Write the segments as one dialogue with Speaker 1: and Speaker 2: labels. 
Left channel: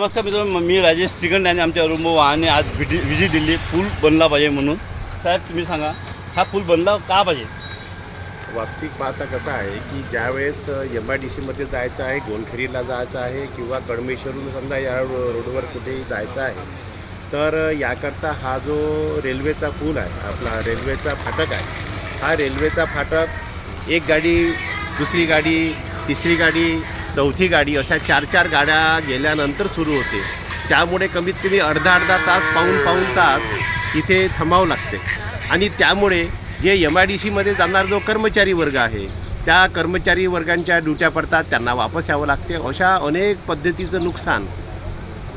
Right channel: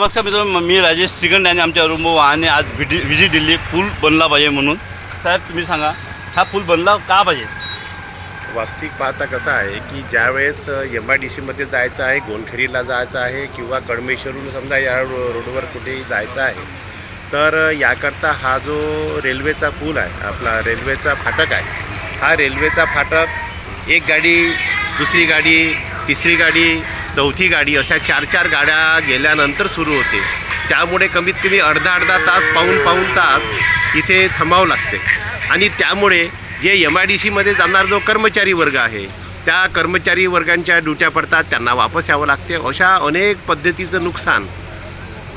Speaker 1: नमस्कार मित्रांनो मी राजेश श्रीगंड आणि आमच्या अरुंभ वाहने आज विधी विजी दिली पूल बनला पाहिजे म्हणून. साहेब तुम्ही सांगा हा पूल बनला का पाहिजे?
Speaker 2: वास्तविक पाहता कसं आहे की ज्यावेळेस एम आय डी सीमध्ये जायचं आहे गोनखेरीला जायचं आहे किंवा कडमेश्वरून समजा या रो रोडवर कुठेही जायचं आहे तर याकरता हा जो रेल्वेचा पूल आहे आपला रेल्वेचा फाटक आहे हा रेल्वेचा फाटक एक गाडी दुसरी गाडी तिसरी गाडी चौथी गाडी अशा चार चार गाड्या गेल्यानंतर सुरू होते. त्यामुळे कमीत कमी अर्धा अर्धा तास पाऊन पाऊन तास इथे थांबावं लागते. आणि त्यामुळे जे एम आय डी सीमध्ये जाणार जो कर्मचारी वर्ग आहे त्या कर्मचारी वर्गांच्या ड्युट्या पडतात त्यांना वापस यावं लागते. अशा अनेक पद्धतीचं नुकसान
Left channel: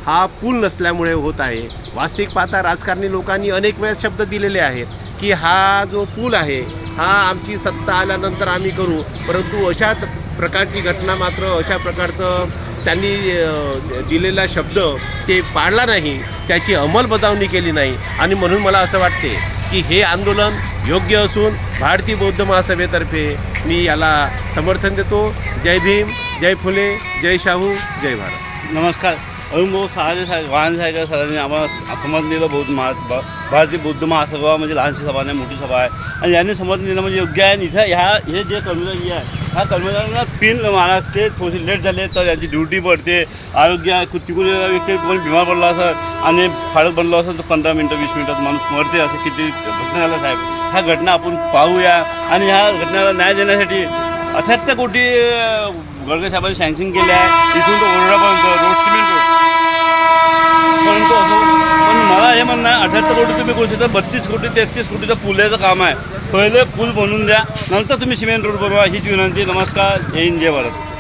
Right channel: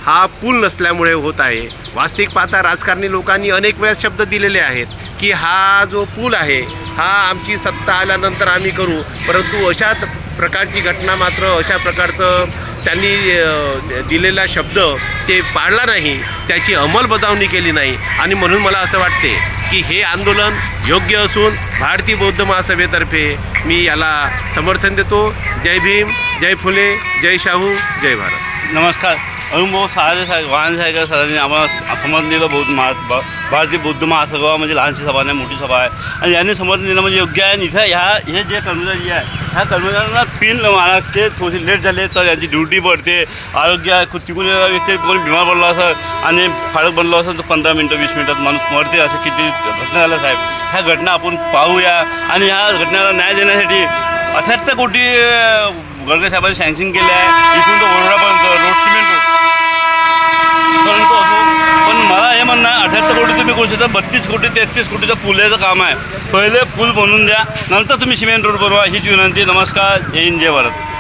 Speaker 2: हा पूल नसल्यामुळे होत आहे. वास्तविक पाहता राजकारणी लोकांनी अनेक वेळेस शब्द दिलेले आहेत की हा जो पूल आहे हा आमची सत्ता आल्यानंतर आम्ही करू. परंतु अशा प्रकारची घटना मात्र अशा प्रकारचं त्यांनी दिलेला शब्द ते पाळला नाही. त्याची अंमलबजावणी केली नाही. आणि म्हणून मला असं वाटते की हे आंदोलन योग्य असून भारतीय बौद्ध महासभेतर्फे मी याला समर्थन देतो. जय भीम जय फुले जय शाहू जय भारत.
Speaker 1: नमस्कार. अरुण भाऊ सहारे साहेब वाहन साहेब सरांनी आम्हाला समज दिलं बौद्ध महा भारतीय बौद्ध महासभा म्हणजे लहानशी सभा नाही मोठी सभा आहे. आणि यांनी समर्थन दिलं म्हणजे योग्य आहे. आणि इथं ह्या हे जे कर्मचारी आहे ह्या कर्मचाऱ्यांना पिन मारा. ते थोडे लेट झाले तर यांची ड्युटी पडते. आरोग्य कु- तिकडून व्यक्ती कोणी बिमार पडला असं आणि फाळक बनलो असेल तर पंधरा मिनटं वीस मिनटात माणूस मरते. असं किती घटना झाल्या साहेब? ह्या घटना आपण पाहूया. आणि ह्या घटनेला न्याय देण्यासाठी अठ्याहत्तर कोटी अं, साहेबांनी सँक्शन केले आहे. इथून तर ओरडापर्यंत रोड सिमेंट रोड परंतु असो पण मला हे म्हणणं आहे अठ्याहत्तर कोटी तुम्ही करू शकता बत्तीस कोटी तेहतीस कोटीचं पुलाचं काम आहे. पहिले पूल बनवून द्या नंतर तुम्ही सिमेंट रोड बनवा हीच विनंती नमस्कार जय हिंद जय भारत.